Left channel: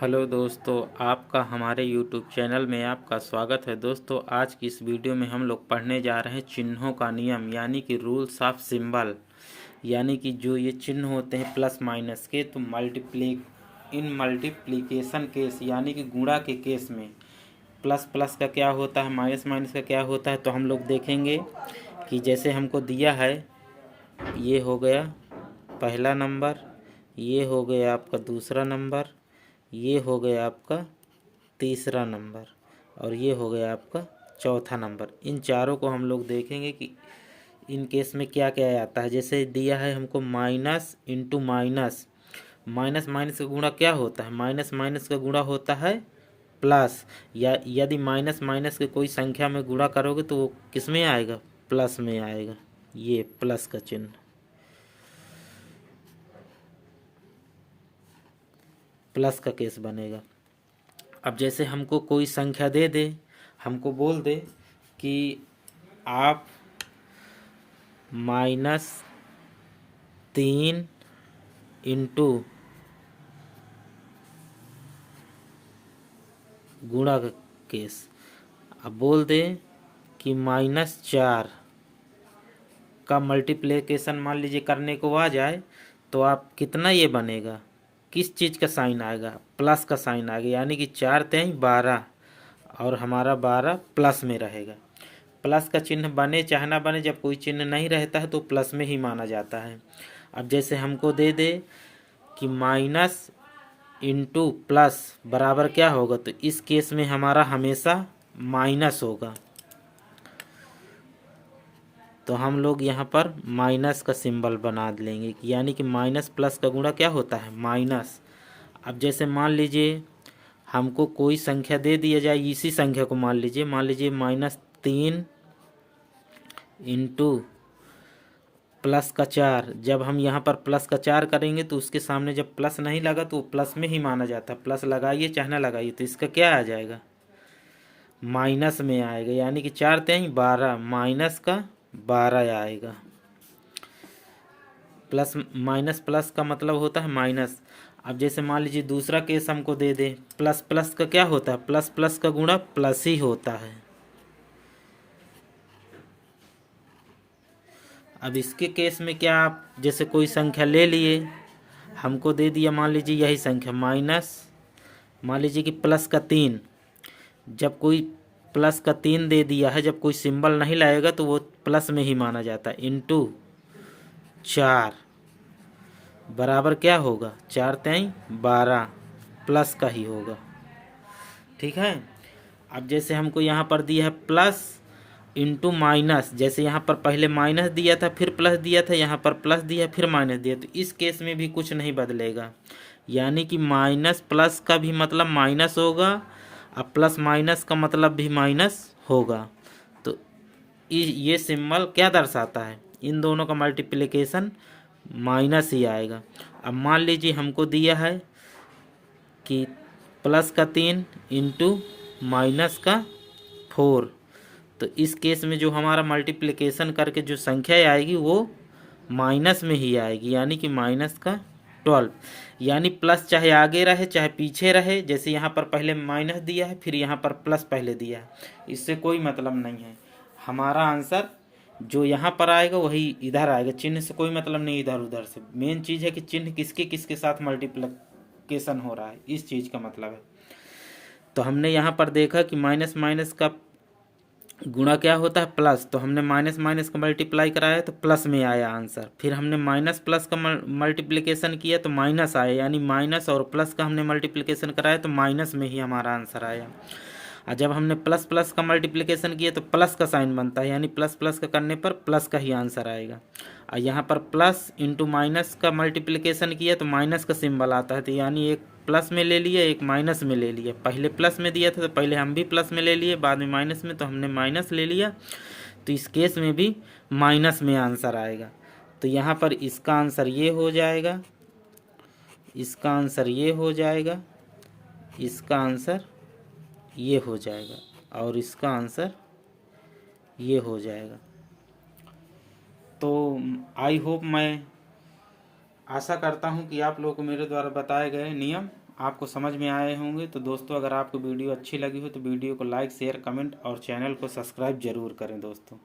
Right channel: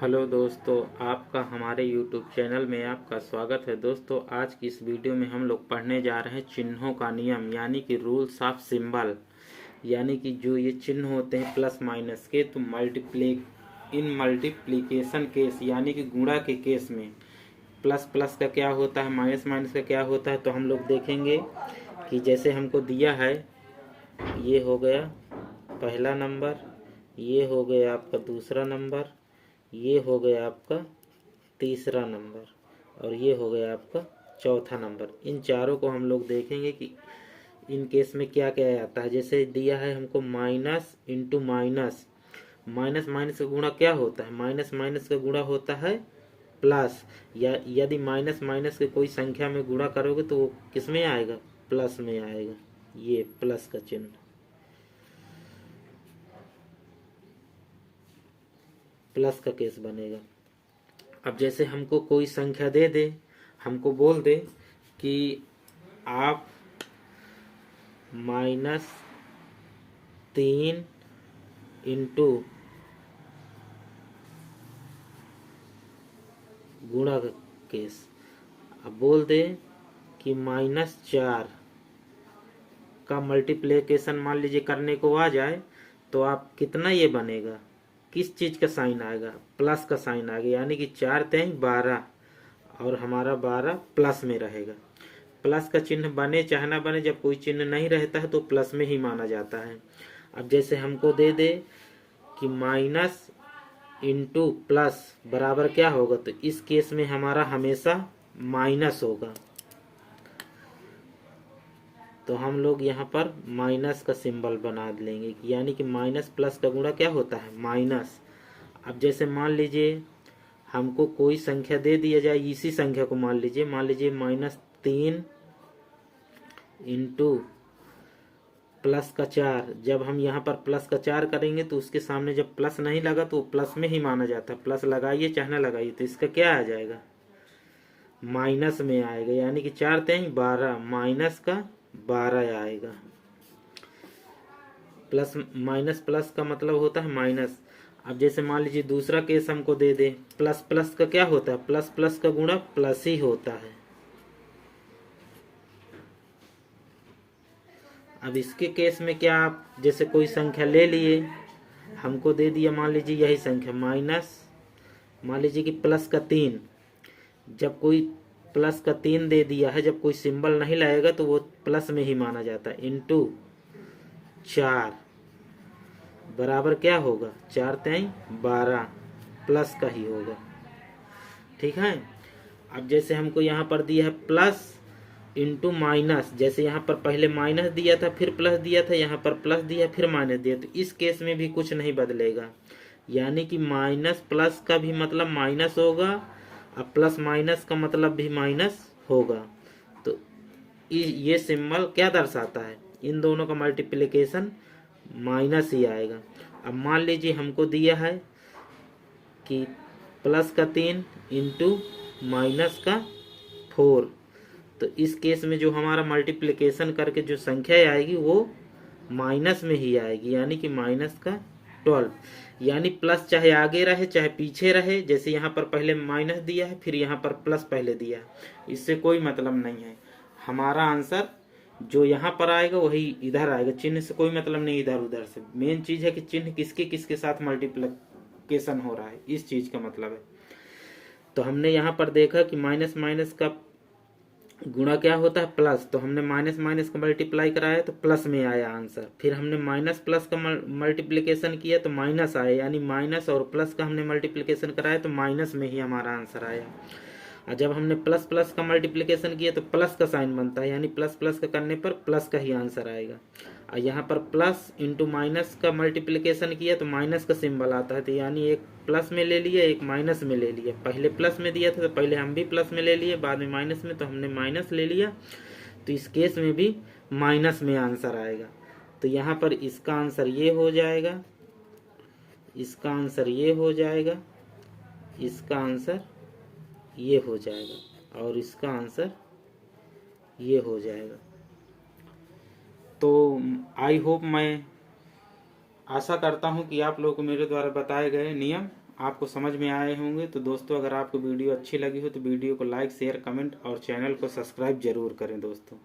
Hello दोस्तों, आपका हमारे YouTube चैनल में आपका स्वागत है। दोस्तों, आज की इस वीडियो में हम लोग पढ़ने जा रहे हैं चिन्हों का नियम यानी कि रूल्स ऑफ सिंबल। यानी कि जो ये चिन्ह होते हैं प्लस माइनस के, तो मल्टीप्लिकेशन केस यानी कि गुणा के केस में प्लस प्लस का क्या होता है, माइनस माइनस का क्या होता है। तो हम लोग देखेंगे कि जैसे हमको दिया है, ये हो गया पहला नंबर, ये हो गया आपका दूसरा नंबर, ये हो गया आपका तीसरा नंबर और ये हो गया आपका चौथा नंबर। इन चारों को हम लोग देखेंगे कि इन केस में क्या क्या आता है। जैसे दिया है हमको minus into minus, minus minus का गुणा क्या होता है, माइनस माइनस का गुणा होता है प्लस। या यदि माइनस माइनस के कोई संख्या में गुणा करोगे तो वो किस में आएगा, प्लस में आएगा। ये प्लस का चिन्ह, प्लस का केस बनेगा। अब जैसे हमको कोई संख्या दे दे, हमको बोल दे कि आप -3 इंटू गुणा का केस। अब बोल दे कि -4 का मल्टीप्लिकेशन मान लीजिए करने को आ जाए तो आप कितना ये बनेगा, किस चीज़ का साइन आएगा, प्लस का साइन आएगा। यानी कि 4×3 = 12 और हमारा 12 प्लस में रहेगा। प्लस का चिन्ह बने चाहे ना बने, जब कोई चिन्ह नहीं रहता है तो प्लस में ही माना जाता है। अब जैसे हमको दे दे कि माइनस इंटू प्लस बराबर क्या होगा, तो इस केस में हमारा हमेशा माइनस होगा। तो हम लोग यहाँ पर माइनस का सिंबल बना लेंगे, यानी कि माइनस प्लस का गुणा क्या होता है, माइनस। अब जैसे मान लीजिए हमको कोई संख्या दे दिया जाए, इसी संख्या को मान लीजिए -3 इंटू +4। जब हम यहाँ पर +4 करेंगे तो उसके सामने जब प्लस नहीं लगा तो प्लस में ही माना जाता है। प्लस लगाइए चाहे ना लगाइए, तो इसका क्या आ जाएगा, माइनस में आएगा। यानी कि 4×3 = 12, माइनस का 12 आएगा। प्लस माइनस प्लस का मतलब होता है माइनस। अब जैसे मान लीजिए दूसरा केस हमको दे दे, प्लस प्लस का क्या होता है, प्लस प्लस का गुणा प्लस ही होता है। अब इसके केस में क्या, आप जैसे कोई संख्या ले लिए, हमको दे दिया मान लीजिए यही संख्या मान लीजिए कि +3। जब कोई +3 दे दिया है, जब कोई सिंबल नहीं लाएगा तो वो प्लस में ही माना जाता है। इंटू 4 बराबर क्या होगा, 4×3 = 12 प्लस का ही होगा। ठीक है। अब जैसे हमको यहाँ पर दिया है प्लस इंटू माइनस, जैसे यहाँ पर पहले माइनस दिया था फिर प्लस दिया था, यहाँ पर प्लस दिया फिर माइनस दिया, तो इस केस में भी कुछ नहीं बदलेगा। यानी कि माइनस प्लस का भी मतलब माइनस होगा और प्लस माइनस का मतलब भी माइनस होगा। तो ये सिंबल क्या दर्शाता है, इन दोनों का मल्टीप्लिकेशन माइनस ही आएगा। अब मान लीजिए हमको दिया है कि +3 इंटू -4, तो इस केस में जो हमारा मल्टीप्लिकेशन करके जो संख्या आएगी वो माइनस में ही आएगी, यानी कि -12। यानी प्लस चाहे आगे रहे चाहे पीछे रहे, जैसे यहाँ पर पहले माइनस दिया है फिर यहाँ पर प्लस पहले दिया है, इससे कोई मतलब नहीं है। हमारा आंसर जो यहाँ पर आएगा वही इधर आएगा, चिन्ह से कोई मतलब नहीं इधर उधर से। मेन चीज़ है कि चिन्ह किसके किसके साथ मल्टीप्लिकेशन हो रहा है, इस चीज़ का मतलब है। तो हमने यहाँ पर देखा कि माइनस माइनस का गुणा क्या होता है, प्लस। तो हमने माइनस माइनस का मल्टीप्लाई कराया तो प्लस में आया आंसर। फिर हमने माइनस प्लस का मल्टीप्लिकेशन किया तो माइनस आया, यानी माइनस और प्लस का हमने मल्टीप्लिकेशन कराया तो माइनस में ही हमारा आंसर आया। और जब हमने प्लस प्लस का मल्टीप्लिकेशन किया तो प्लस का साइन बनता है, यानी प्लस प्लस का करने पर प्लस का ही आंसर आएगा। और यहाँ पर प्लस इंटू माइनस का मल्टीप्लिकेशन किया तो माइनस का सिंबल आता है, तो यानी एक प्लस में ले लिए एक माइनस में ले लिए। पहले प्लस में दिया था तो पहले हम भी प्लस में ले लिए, बाद में माइनस में तो हमने माइनस ले लिया। तो इस केस में भी माइनस में आंसर आएगा। तो यहाँ पर इसका आंसर ये हो जाएगा, इसका आंसर ये हो जाएगा, इसका आंसर ये हो जाएगा और इसका आंसर ये हो जाएगा। तो आई होप, मैं आशा करता हूँ कि आप लोगों को मेरे द्वारा बताए गए नियम आपको समझ में आए होंगे। तो दोस्तों अगर आपको वीडियो अच्छी लगी हो तो वीडियो को लाइक शेयर कमेंट और चैनल को सब्सक्राइब जरूर करें दोस्तों।